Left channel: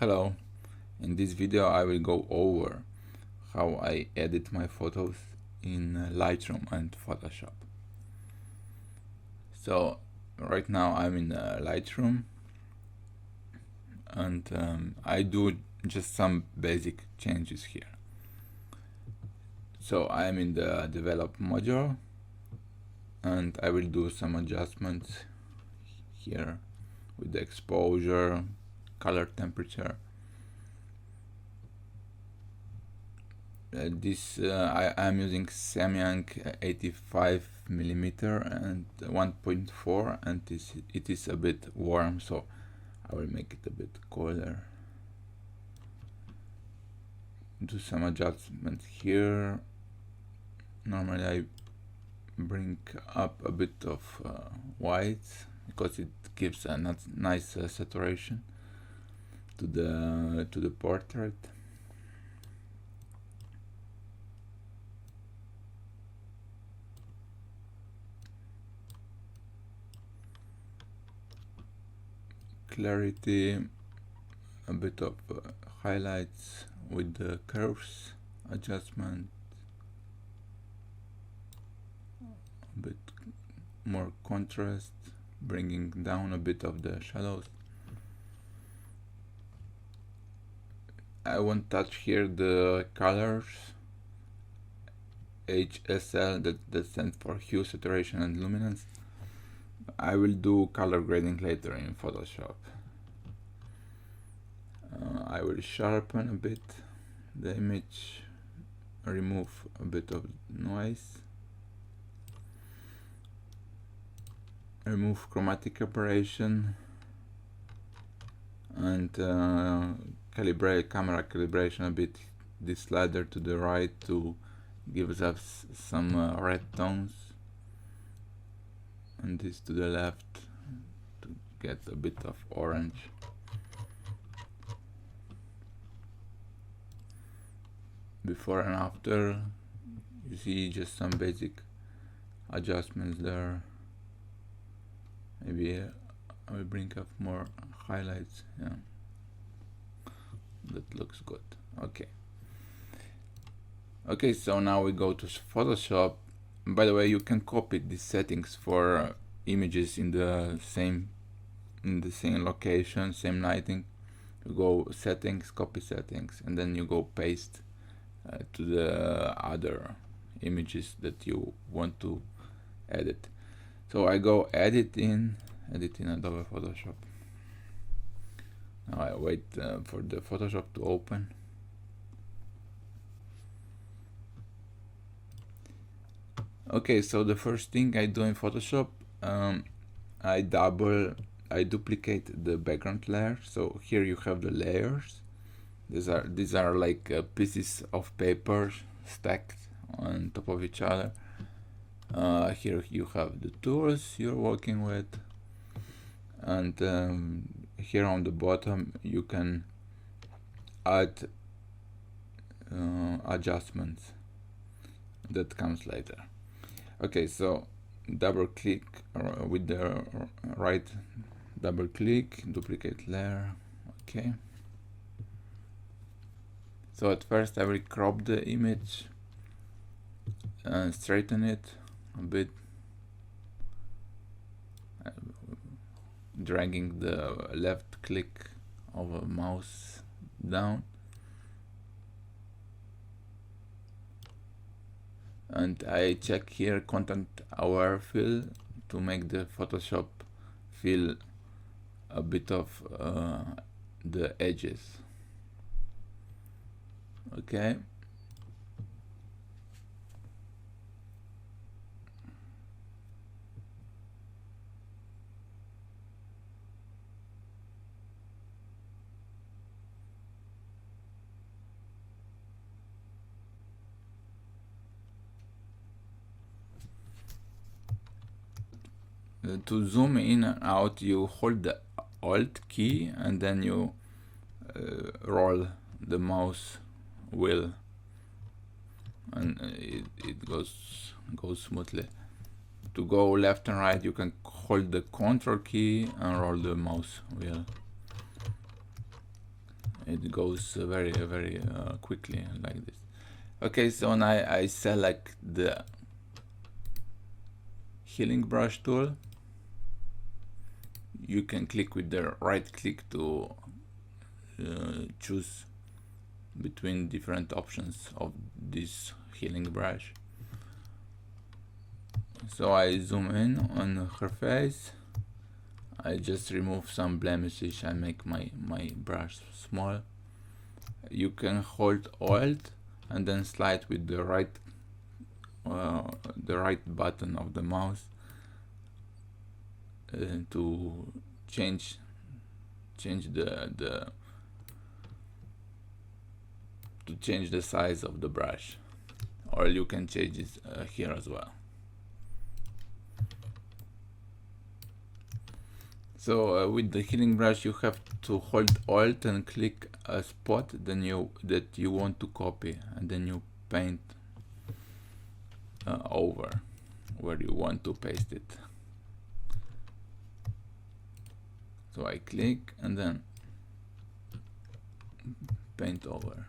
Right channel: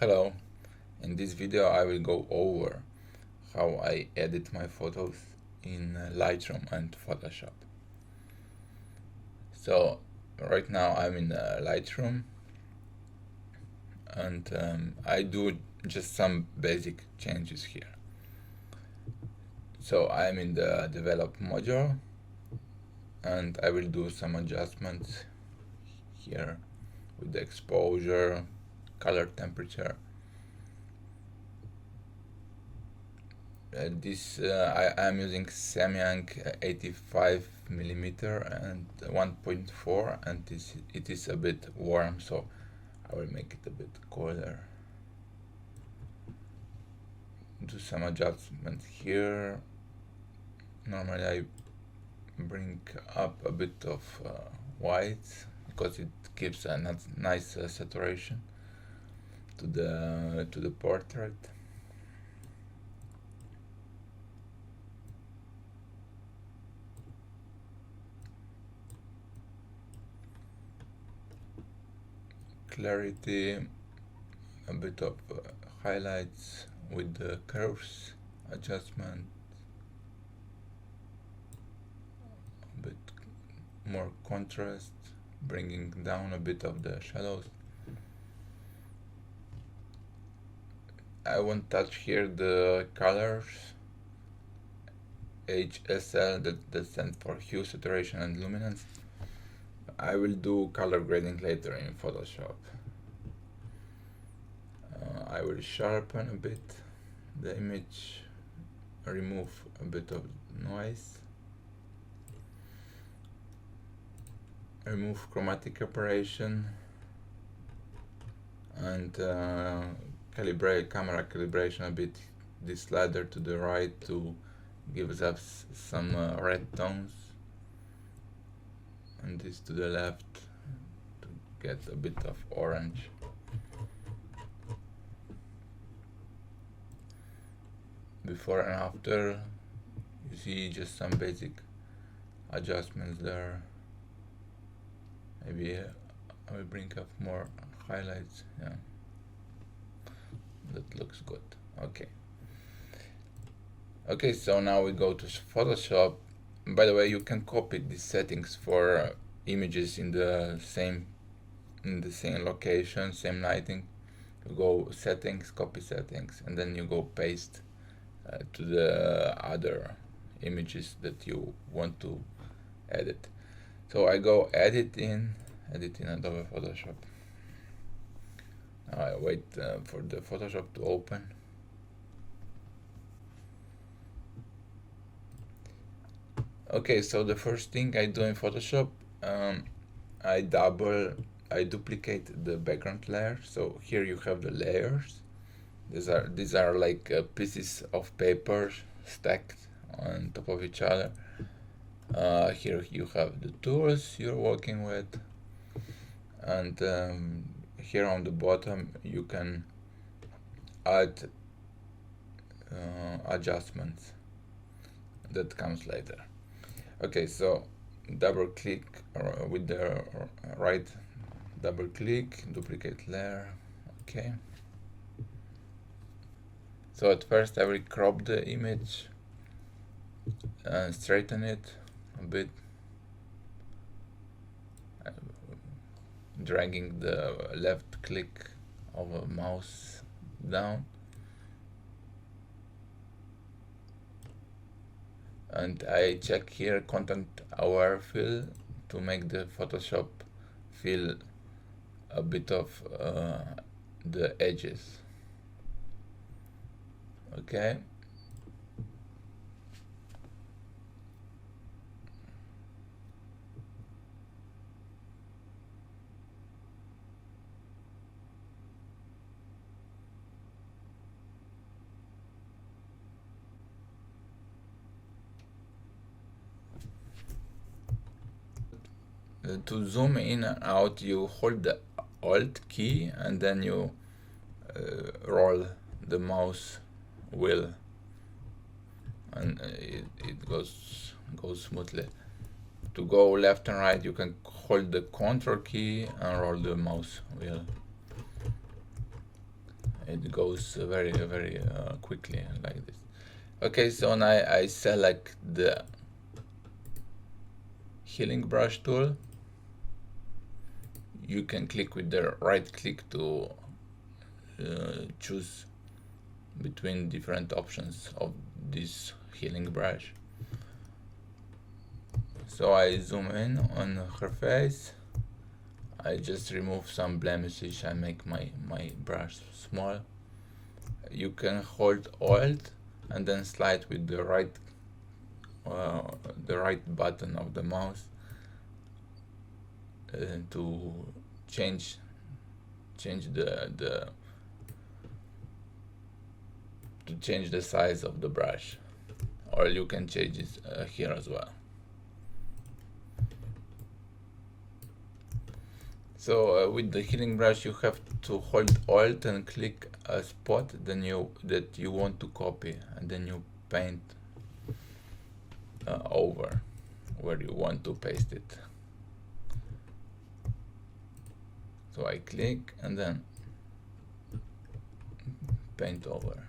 Hello, in this video I will go over how I edit my photos in Lightroom and Photoshop. So right now I'm in Lightroom and I do just some basic changes here. So I'm in the develop module and I will do some adjustments here with the exposure, color temperature. I am using Samyang 85mm and 1.4, and it is a bit warm, so I will make it a bit cooler. Do some adjustments here. Normally I bring up a bit of white because it gives a nice saturation to the portrait. Clarity, a bit of highlights with the curves adjustment, a bit more contrast, bringing down a bit of the shadows. I won't touch here the colors, HSL, that stands for hue, saturation and luminance. I will do color grading later in Photoshop. I will sharpen a bit the image, remove a bit of noise, remove chromatic aberration, and calibrate camera calibration a bit. This slider to the right to give us some red tones, and this to the left to get a bit of orange. Before and after, you see just some basic adjustments there. Maybe I will bring up more highlights. Yeah, that looks good. Okay, so now we go to Photoshop. By the way, you can copy these settings for images in the same location, same lighting. You go settings, copy settings, and then you go paste to the other images that you want to edit. So I go edit in Adobe Photoshop. Now I wait for the Photoshop to open. Okay, so the first thing I do in Photoshop, I duplicate the background layer. So here you have the layers. These are like pieces of paper stacked on top of each other. Here you have the tools you're working with, and here on the bottom you can add adjustments that comes later. Okay, so double click with the right double click, duplicate layer. Okay, so at first I will crop the image and straighten it a bit, dragging the left click of a mouse down, and I check here content aware fill to make the Photoshop feel a bit of the edges. Okay, to zoom in and out, you hold the Alt key and then you roll the mouse wheel, and it goes smoothly. To go left and right, you can hold the Control key and roll the mouse wheel. it goes very quickly like this. Okay, so now I select the healing brush tool. You can click with the right click to choose between different options of this healing brush. So I zoom in on her face. I just remove some blemishes. I make my brush small. You can hold Alt and then slide with the right button of the mouse to change the size of the brush, or you can change it here as well. So with the healing brush, you have to hold Alt and click a spot that you want to copy, and then you paint over where you want to paste it. So I click and then paint over.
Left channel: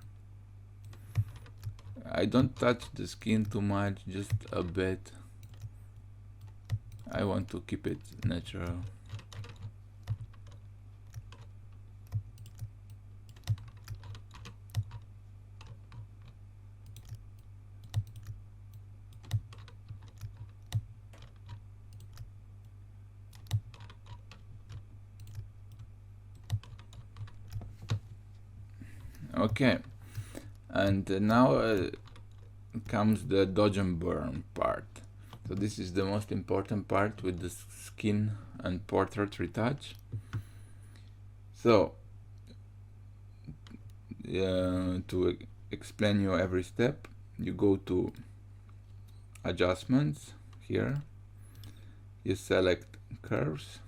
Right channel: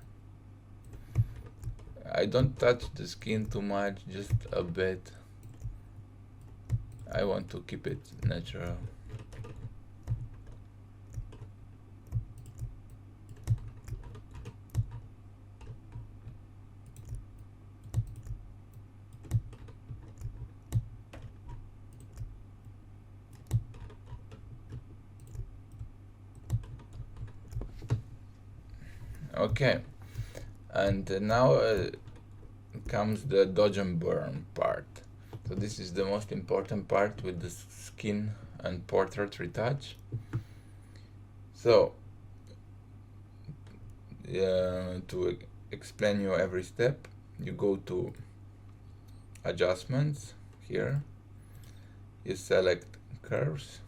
I don't touch the skin too much, just a bit. I want to keep it natural. Okay, and now comes the dodge and burn part. So this is the most important part with the skin and portrait retouch. So to explain you every step, you go to adjustments here, you select curves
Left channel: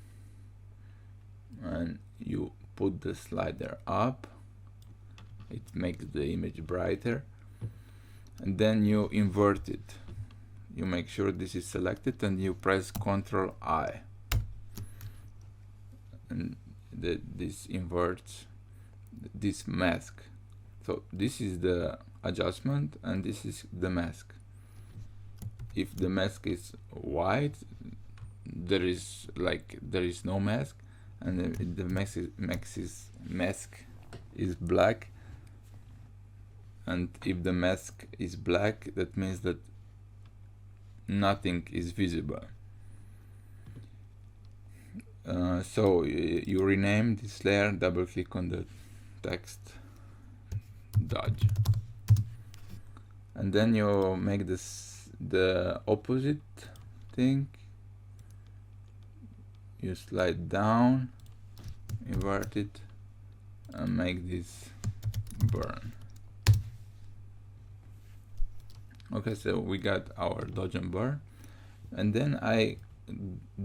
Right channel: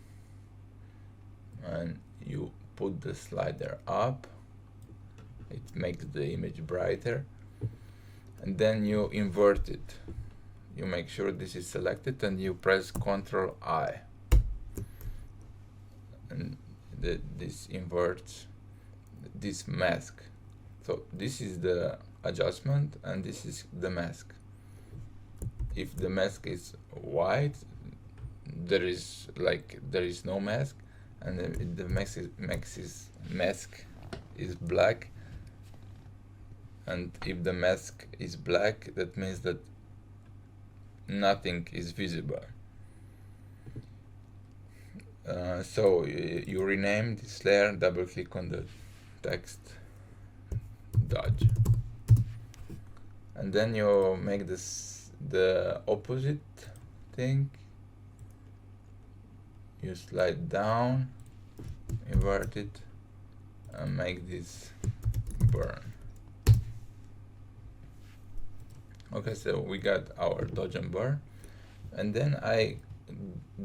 and you put the slider up. It makes the image brighter, and then you invert it. You make sure this is selected and you press Ctrl I, and this inverts this mask. So this is the adjustment and this is the mask. If the mask is white, there is no mask, and if the mask is black, and if the mask is black, that means that nothing is visible. So you rename this layer, double click on the text dodge, and then you make the opposite thing. You slide down, invert it, and make this burn. Okay, so we got our dodge and burn, and then I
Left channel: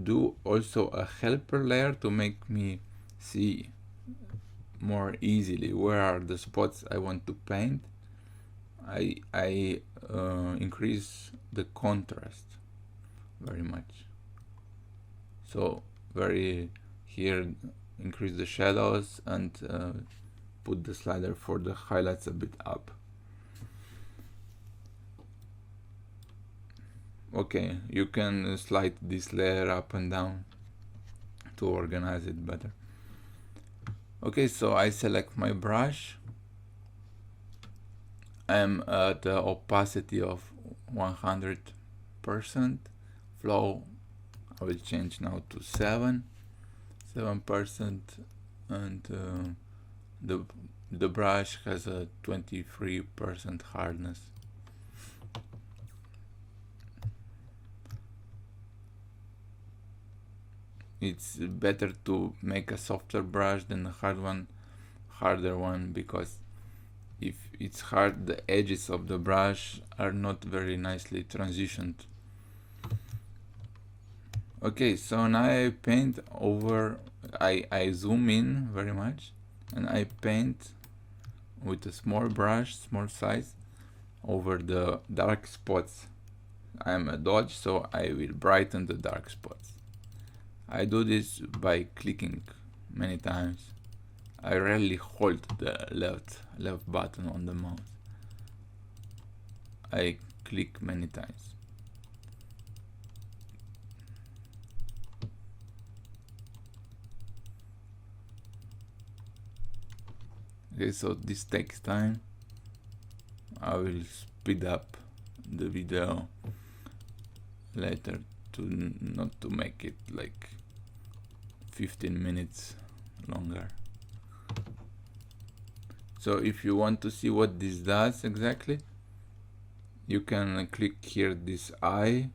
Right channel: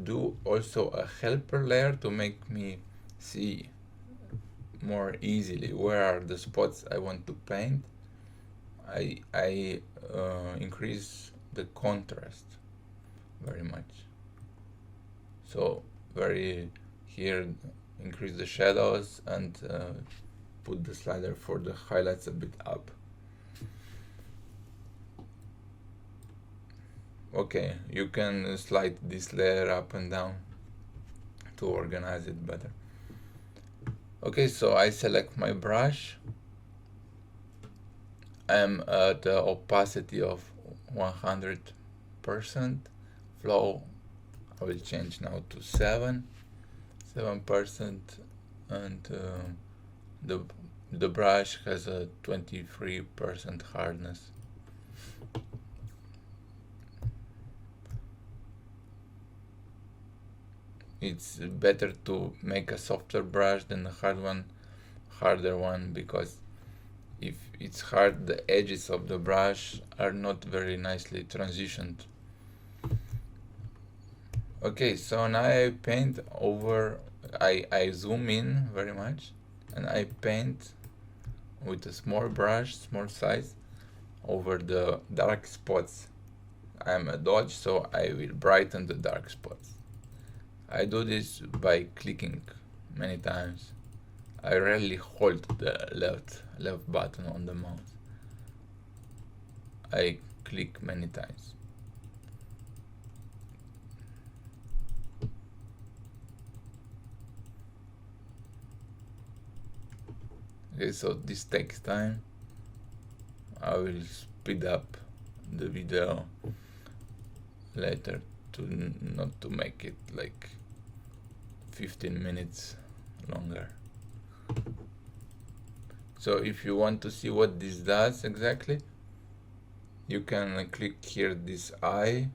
do also a helper layer to make me see more easily where are the spots I want to paint. I increase the contrast very much. So here increase the shadows and put the slider for the highlights a bit up. Okay, you can slide this layer up and down to organize it better. Okay, so I select my brush. I'm at the opacity of 100%. Flow I will change now to 7%, and the brush has a 23% hardness. It's better to make a softer brush than a harder one, because if it's hard, the edges of the brush are not very nicely transitioned. Okay, so now I paint over, I zoom in very much, and I paint with a small brush, small size, over the dark spots. I'm a dodge, so I will brighten the dark spots. I do this by clicking many times. I rarely hold the left button on the mouse. I click many times. Okay, so this takes time. I will speed up the video later to not to make it like 15 minutes longer. So if you want to see what this does exactly, you can click here this eye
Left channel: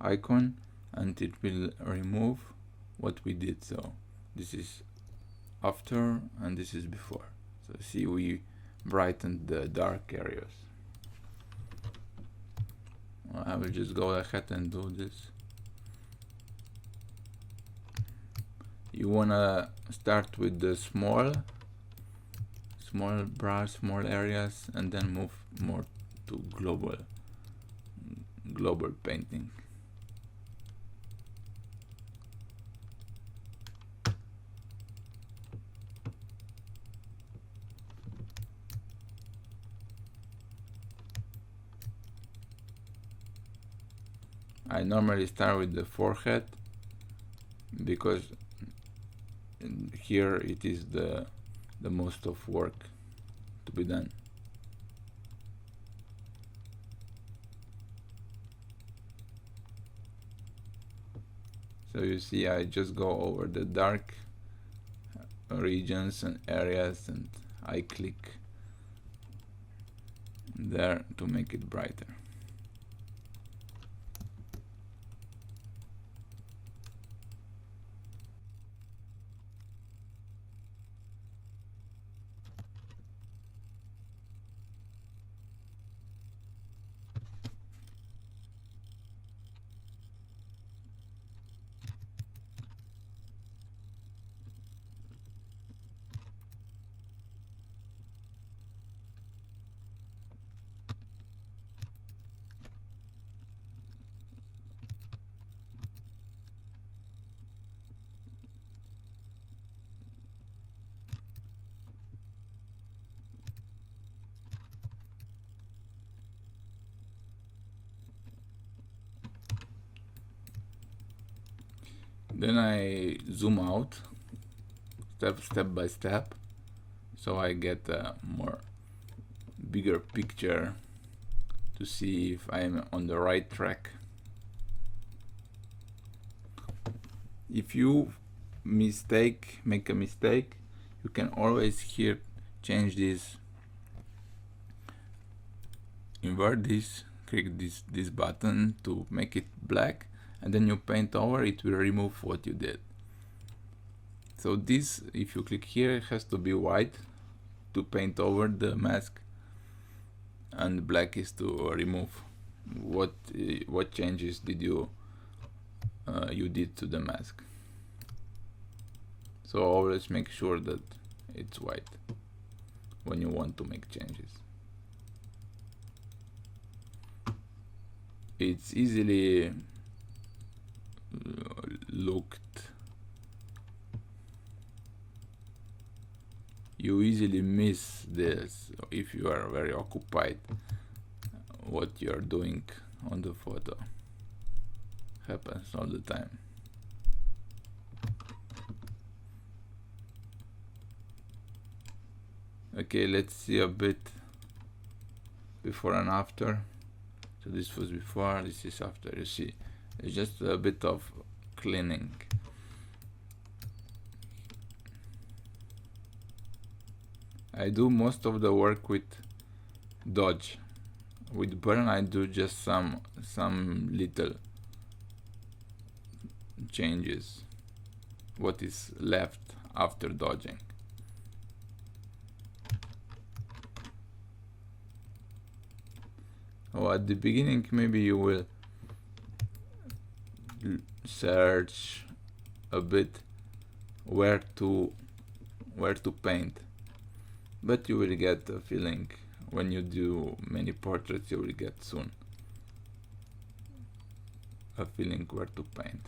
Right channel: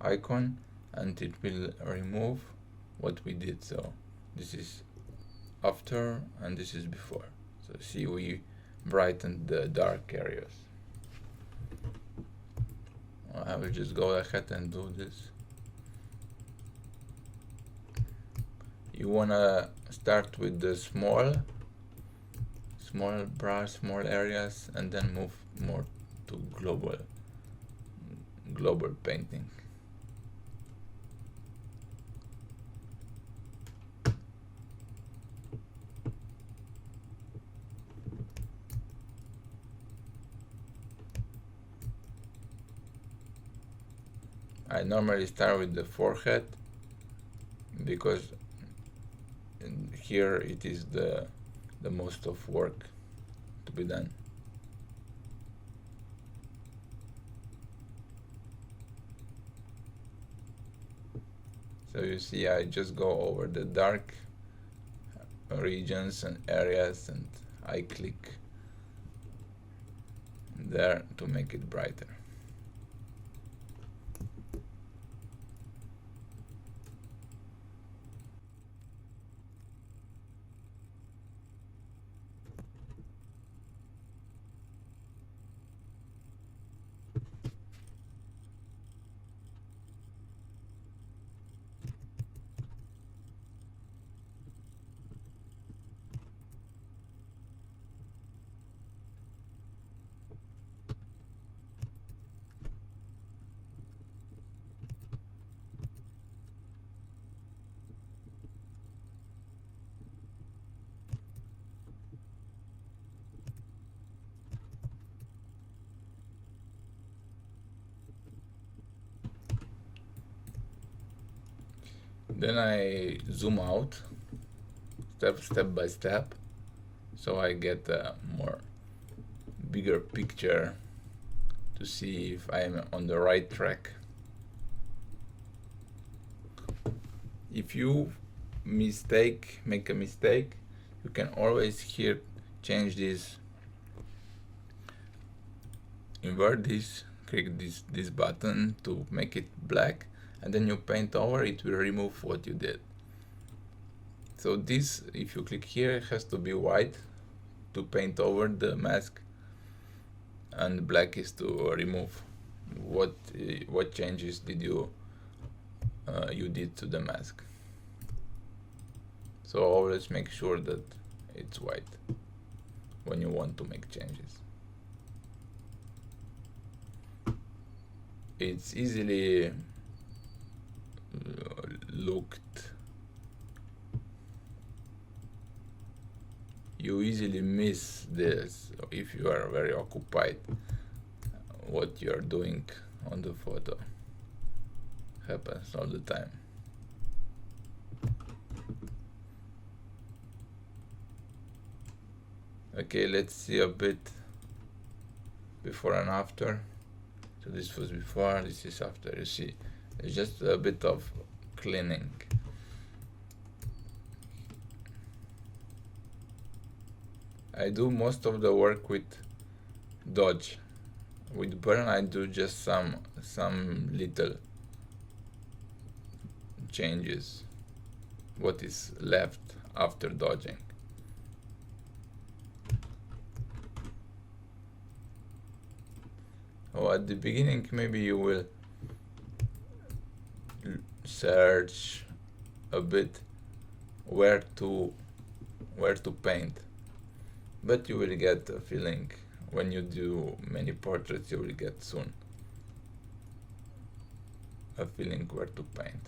icon and it will remove what we did. So this is after and this is before. So see, we brightened the dark areas. I will just go ahead and do this. You wanna start with the small brush, small areas, and then move more to global painting. I normally start with the forehead because here it is the most of work to be done. So you see, I just go over the dark regions and areas and I click there to make it brighter. Then I zoom out step by step, so I get a bigger picture to see if I'm on the right track. If you make a mistake, you can always here change this, invert this, click this button to make it black, and then you paint over it, will remove what you did. So this, if you click here, it has to be white to paint over the mask, and black is to remove what changes did you did to the mask. So always make sure that it's white when you want to make changes. It's easily you easily miss this if you are very occupied what you are doing on the photo. Happens all the time. Okay, let's see a bit before and after. So this was before, this is after. You see, it's just a bit of cleaning. I do most of the work with dodge. With burn I do just some little changes, what is left after dodging. Or at the beginning maybe you will search a bit where to paint, but you will get a feeling when you do many portraits. You will get soon a feeling where to paint.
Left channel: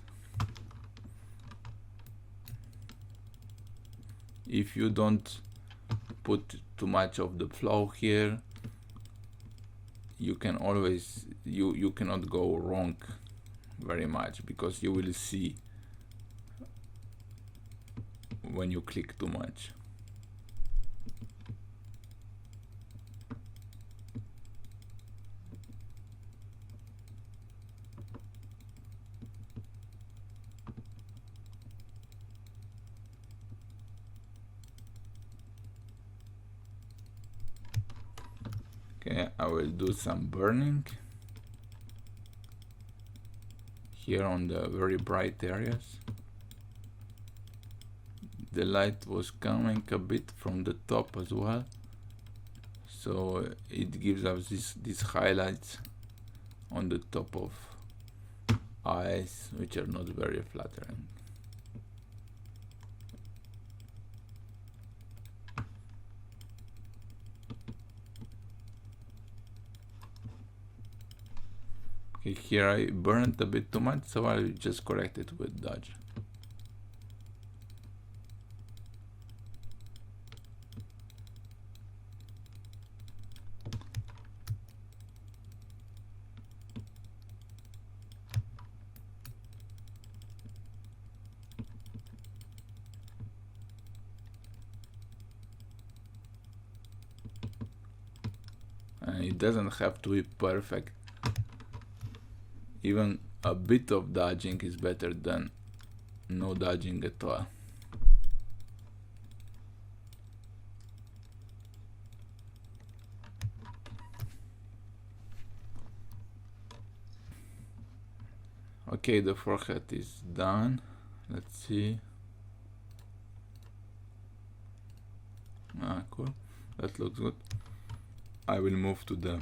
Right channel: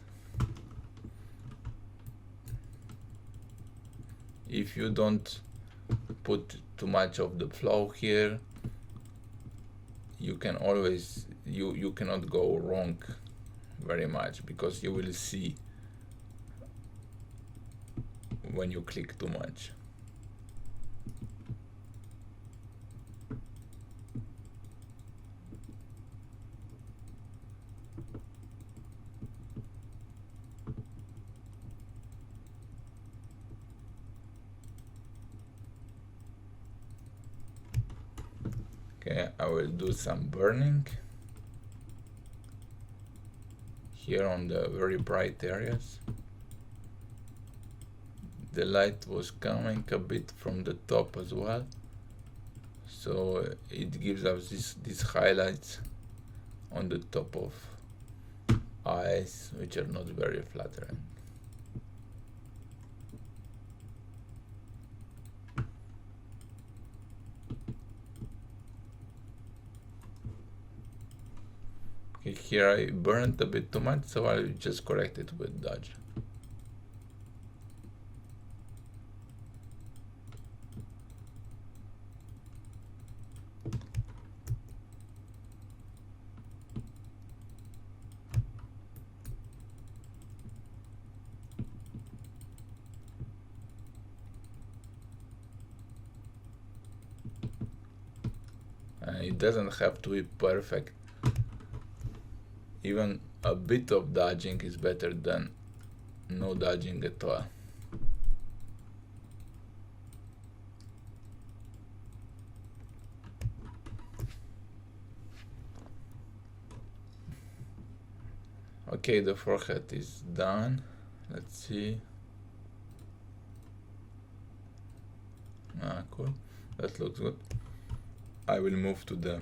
if you don't put too much of the flow here, you can always you cannot go wrong very much, because you will see when you click too much. Okay, I will do some burning here on the very bright areas. The light was coming a bit from the top as well, so it gives us these highlights on the top of eyes, which are not very flattering. Okay, here I burned a bit too much, so I'll just correct it with dodge. It doesn't have to be perfect. Even a bit of dodging is better than no dodging at all. Okay, the forehead is done. Let's see. Cool. That looks good. I will move to the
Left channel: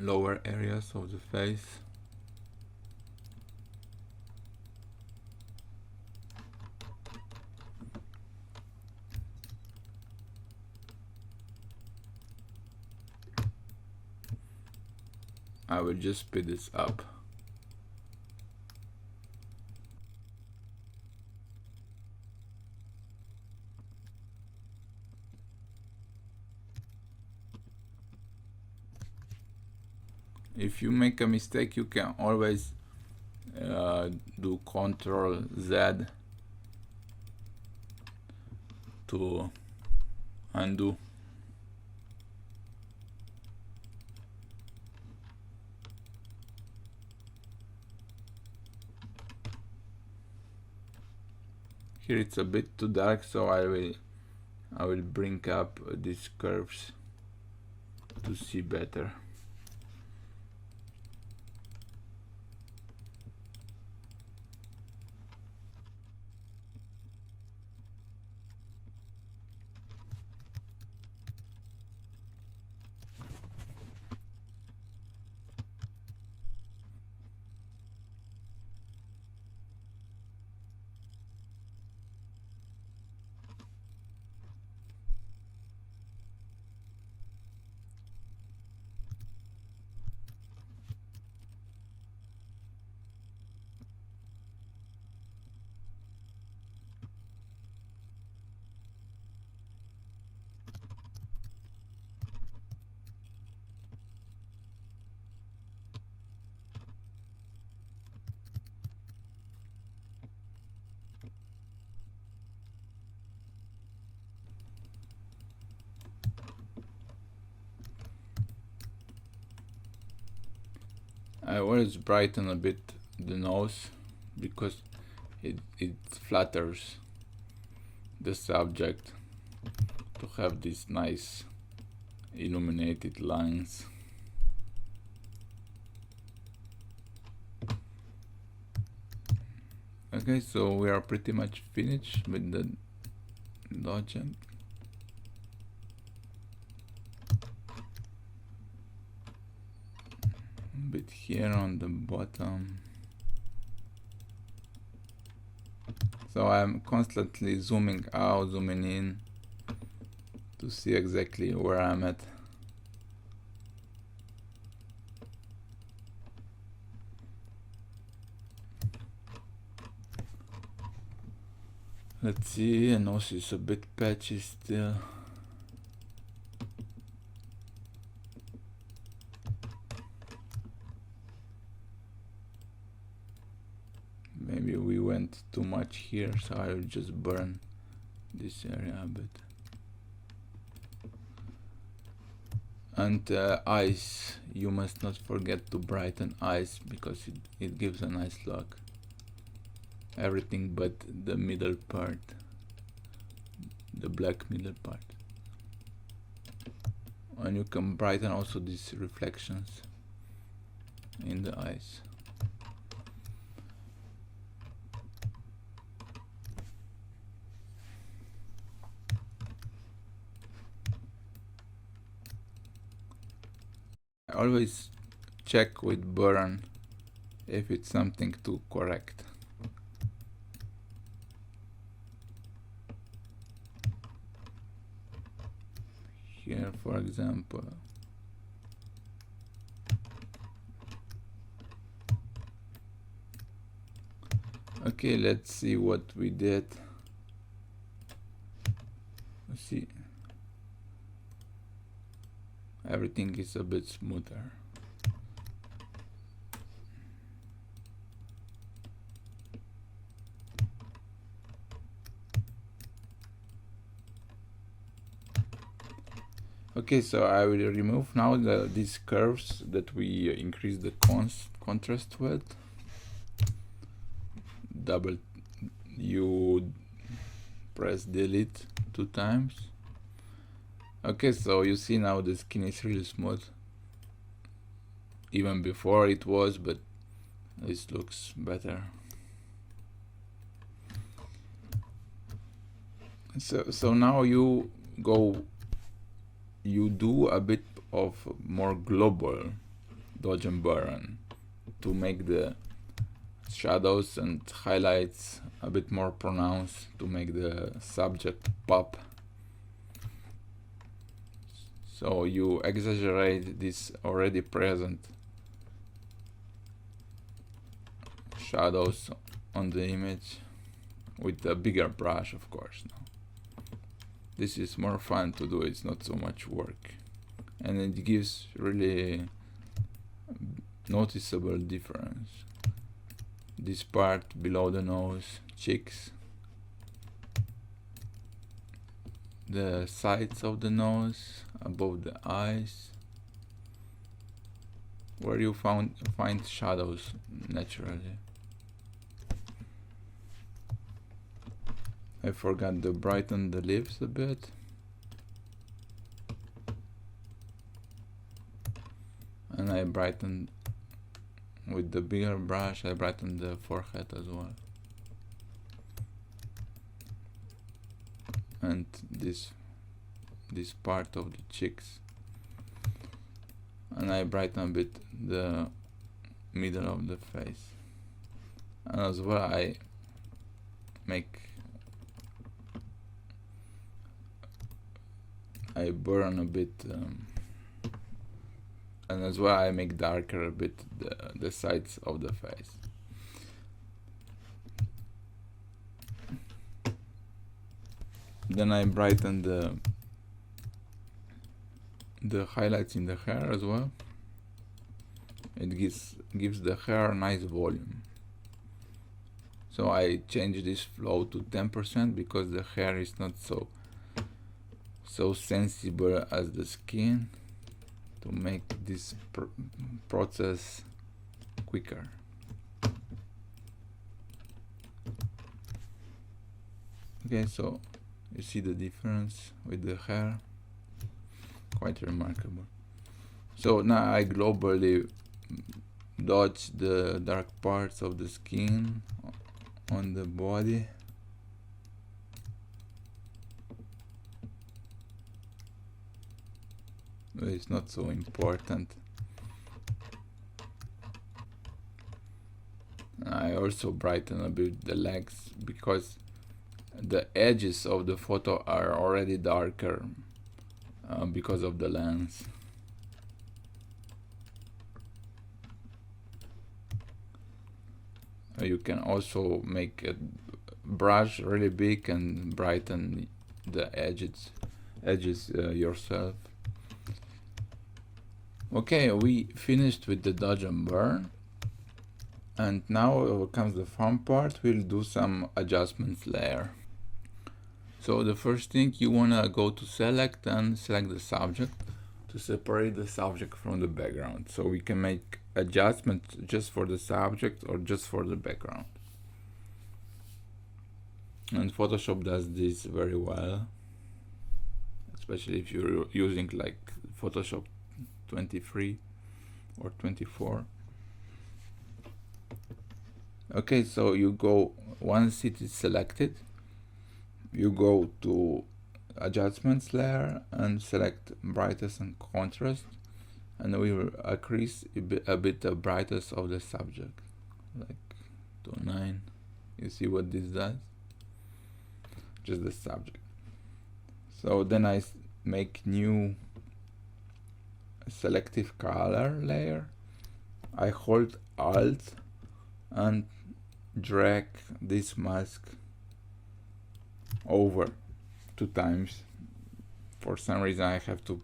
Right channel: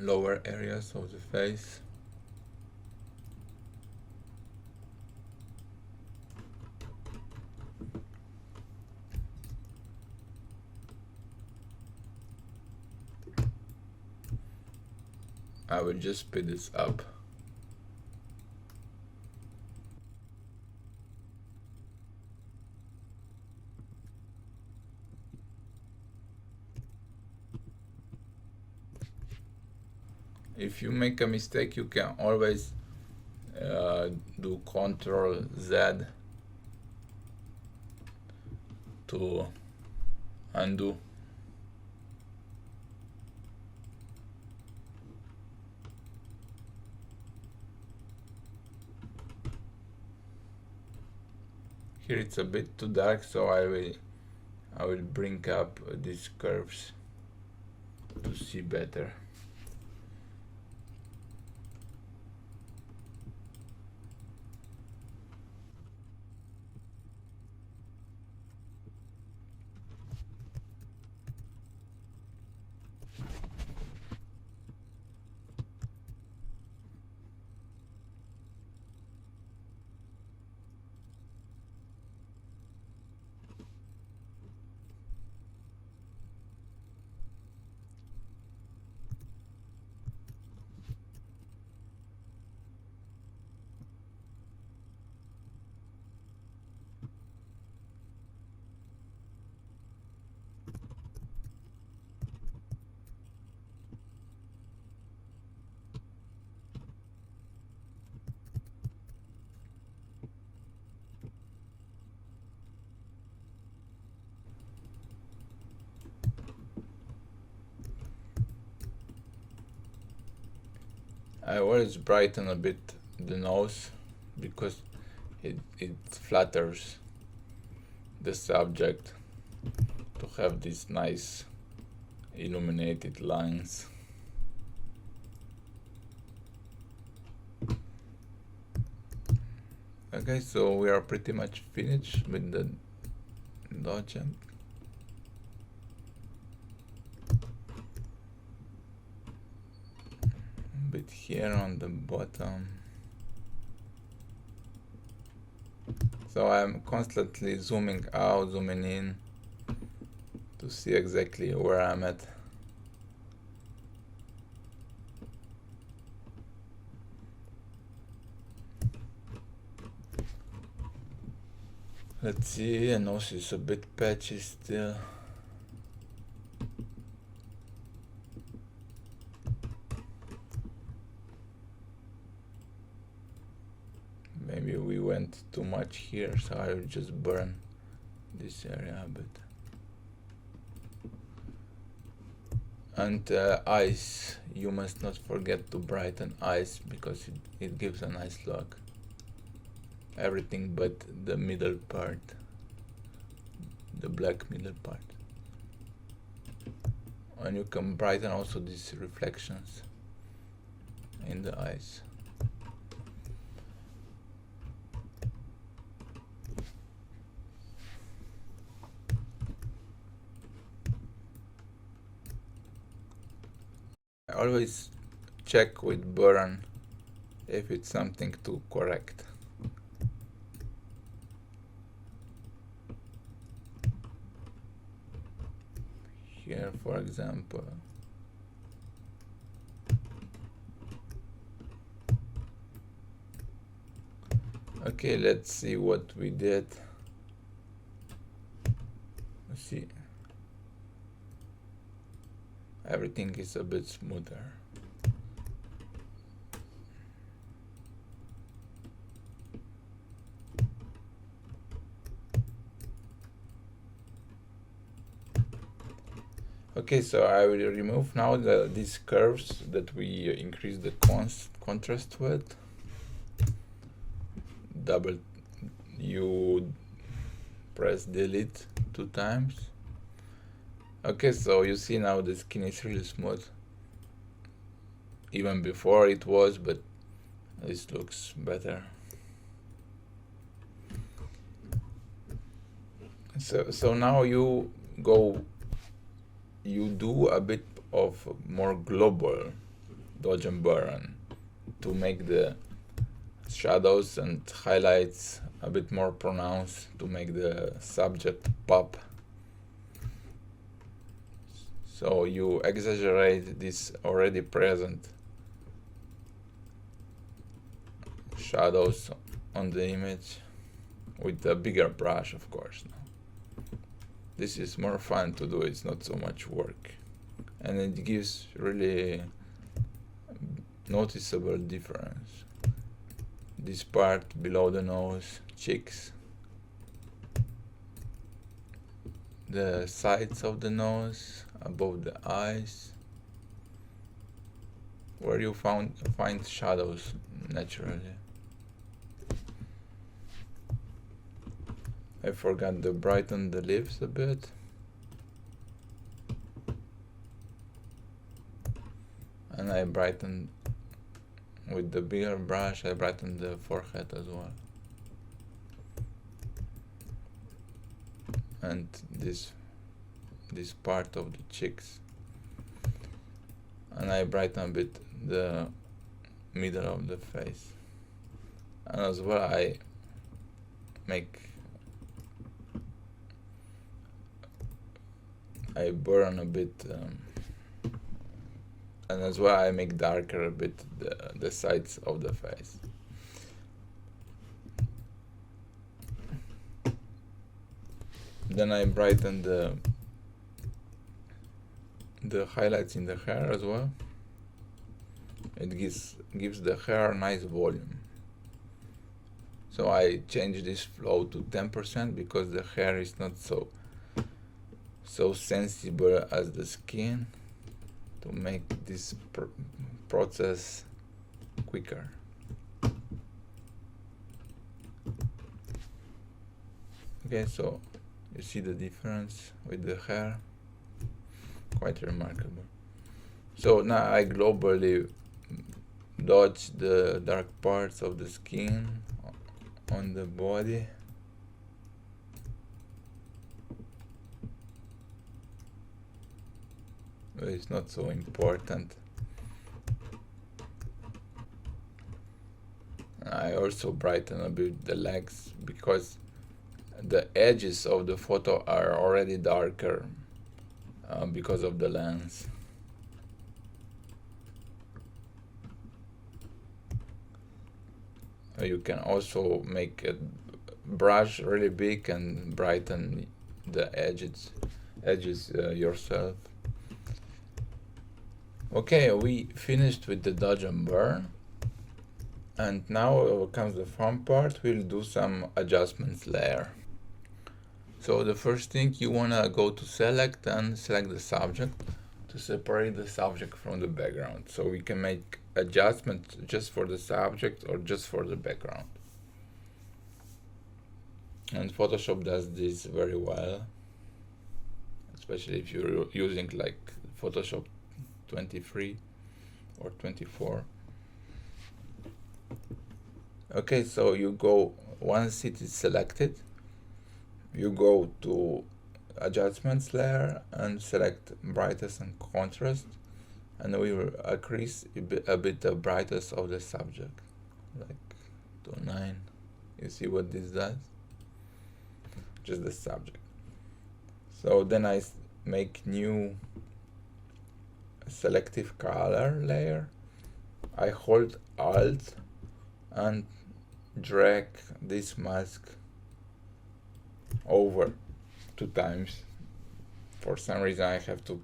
lower areas of the face. I will just speed this up. If you make a mistake, you can always do Ctrl Z to undo. Here it's a bit too dark, so I will bring up these curves to see better. I always brighten a bit the nose because it flatters the subject to have these nice illuminated lines. Okay, so we are pretty much finished with the dodging. Bit here on the bottom. So I'm constantly zooming out, zooming in to see exactly where I'm at. Let's see, and also it's a bit patchy still. Maybe we went too much here, so I will just burn this area a bit. And eyes, you must not forget to brighten eyes, because it gives a nice look. Everything but the middle part, the black middle part. And you can brighten also these reflections in the eyes. I always check with burn if it's something to correct. Here, for example, okay, let's see what we did. Let's see, everything is a bit smoother. Okay, so I will remove now these curves that we increase the contrast with. You press delete 2 times. Okay, so you see now the skin is really smooth. Even before it was, but this looks better. So now you do a bit of more global dodge and burn to make the shadows and highlights a bit more pronounced, to make the subject pop. So you exaggerate this already present shadows on the image with a bigger brush, of course. Now this is more fun to do, it's not so much work, and it gives really noticeable difference. This part below the nose, cheeks, the sides of the nose, above the eyes, where you find shadows naturally. I forgot to brighten the lips a bit. And I brightened with the bigger brush, I brightened the forehead as well. And this part of the cheeks. And I brighten a bit the middle of the face. And as well I burn a bit, and as well I make darker a bit the sides of the face. Then I brighten the highlights in the hair as well. It gives the hair a nice volume. So I change this flow to 10% because the hair is not so sensible as the skin, to make this process quicker. Okay, so you see the difference with the hair, quite remarkable. So now I globally dodge the dark parts of the skin on the body. But it's not so important. I also brighten a bit the legs because the edges of the photo are already darker because of the lens. You can also make brush really big and brighten the edges yourself. Okay, we finished with the dodge and burn, and now comes the fun part. We'll do some adjustments layer. So the first thing, you wanna go to select and select the subject to separate the subject from the background, so we can make adjustments just for the subject or just for the background. And Photoshop does this very well, especially if you're using like Photoshop 23 or 24. Okay, so you go, once it is selected, you go to adjustments layer and select brightness and contrast, and we will increase a bit the brightness of the subject, like to 9. You see what this does? Just the subject. So then I make new selective color layer. I hold Alt and drag this mask over 2 times. For some reason I have to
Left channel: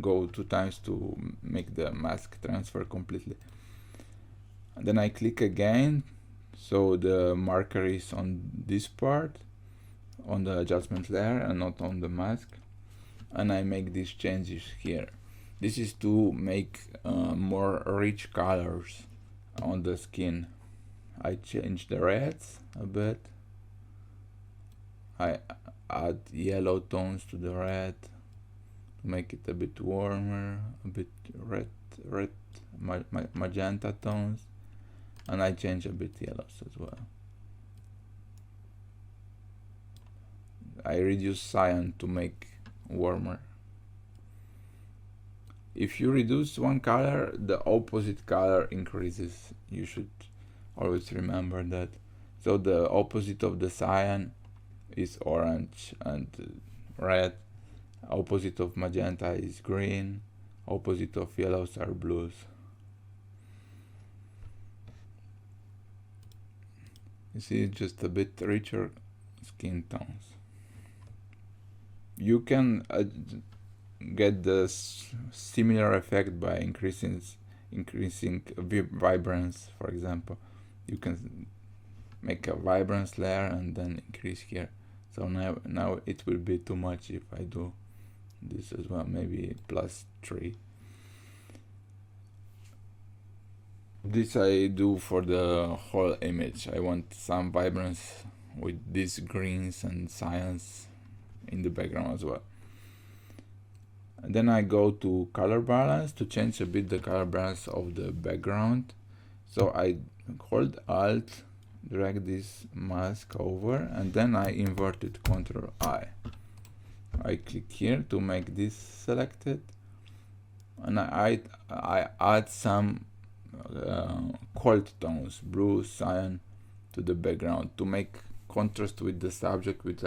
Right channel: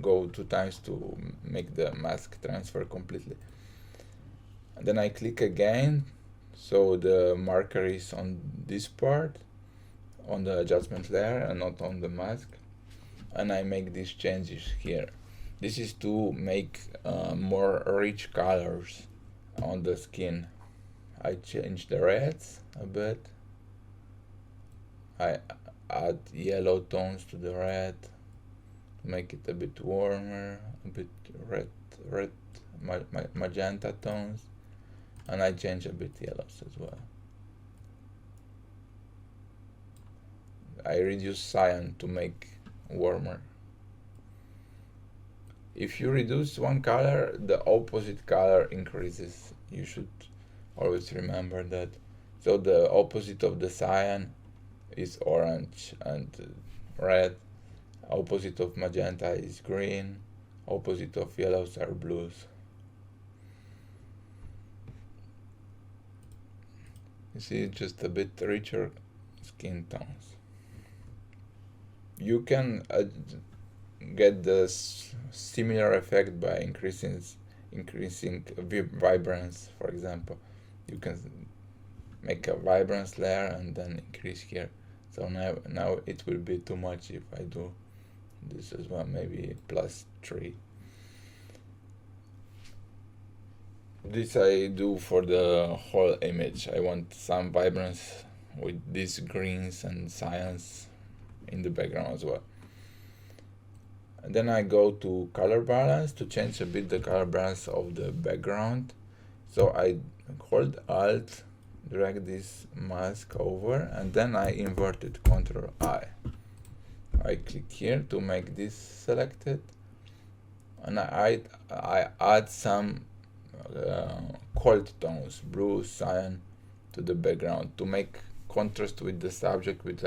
go 2 times to make the mask transfer completely. And then I click again, so the marker is on this part, on the adjustment layer and not on the mask, and I make these changes here. This is to make more rich colors on the skin. I change the reds a bit. I add yellow tones to the red to make it a bit warmer, a bit red magenta tones, and I change a bit yellows as well. I reduce cyan to make warmer. If you reduce one color, the opposite color increases. You should always remember that. So the opposite of the cyan is orange and red. Opposite of magenta is green. Opposite of yellows are blues. You see, just a bit richer skin tones. You can get the similar effect by increasing vibrance. For example, you can make a vibrance layer and then increase here. So now it will be too much if I do this as well, maybe +3. This I do for the whole image. I want some vibrance with these greens and cyans in the background as well. And then I go to color balance to change a bit the color balance of the background. So I hold Alt, drag this mask over, and then I invert it, Ctrl I. I click here to make this selected, and I add some cold tones, blue, cyan, to the background to make contrast with the subject, which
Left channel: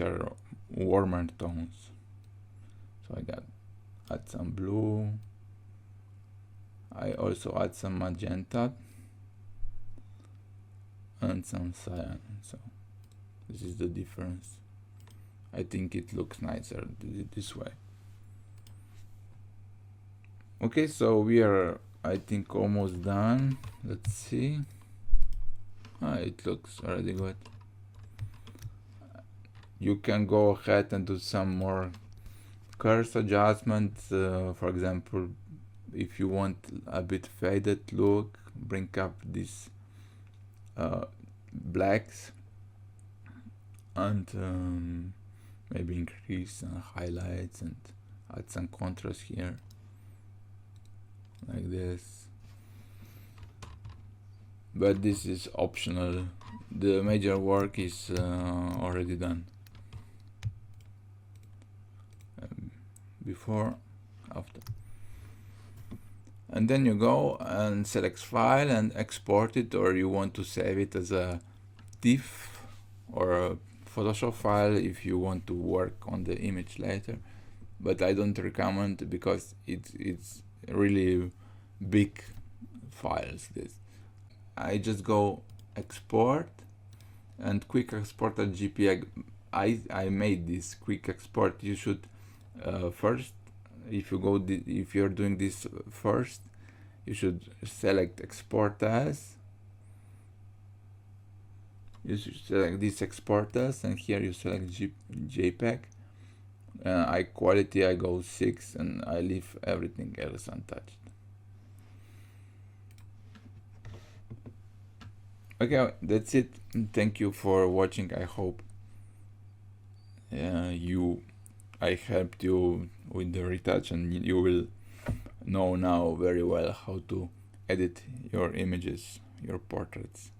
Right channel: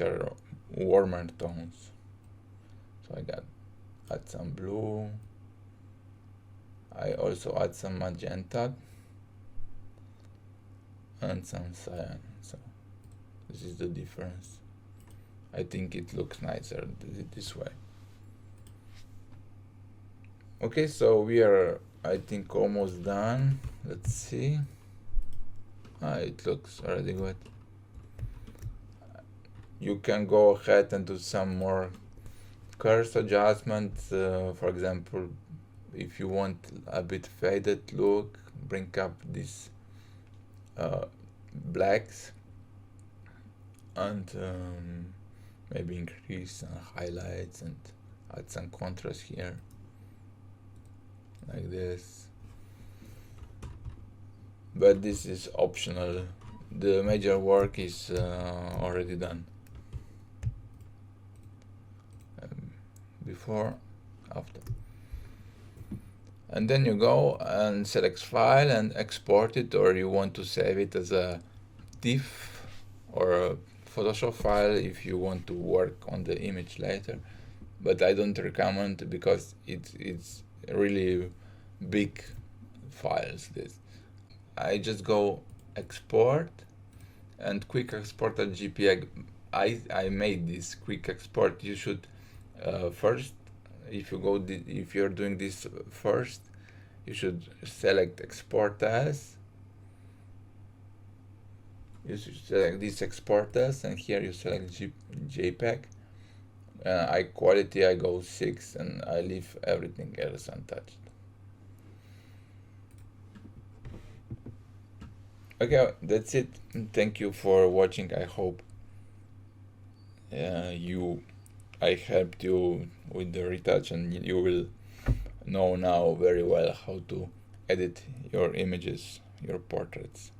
are warmer tones. So I add some blue. I also add some magenta and some cyan. So this is the difference. I think it looks nicer this way. Okay, so we are, I think, almost done. Let's see. It looks already good. You can go ahead and do some more curves adjustments. For example, if you want a bit faded look, bring up these blacks and maybe increase some highlights and add some contrast here, like this. But this is optional. The major work is already done. Before, after. And then you go and select file and export it, or you want to save it as a TIFF or a Photoshop file if you want to work on the image later. But I don't recommend, because it's really big files. This I just go export, and quick export as JPEG. I made this quick export. You should first, if you're doing this first, you should select export as. You should select this export as, and here you select JPEG. High quality, I go 6, and I leave everything else untouched. Okay, that's it. Thank you for watching. I hope I helped you with the retouch, and you will know now very well how to edit your images, your portraits.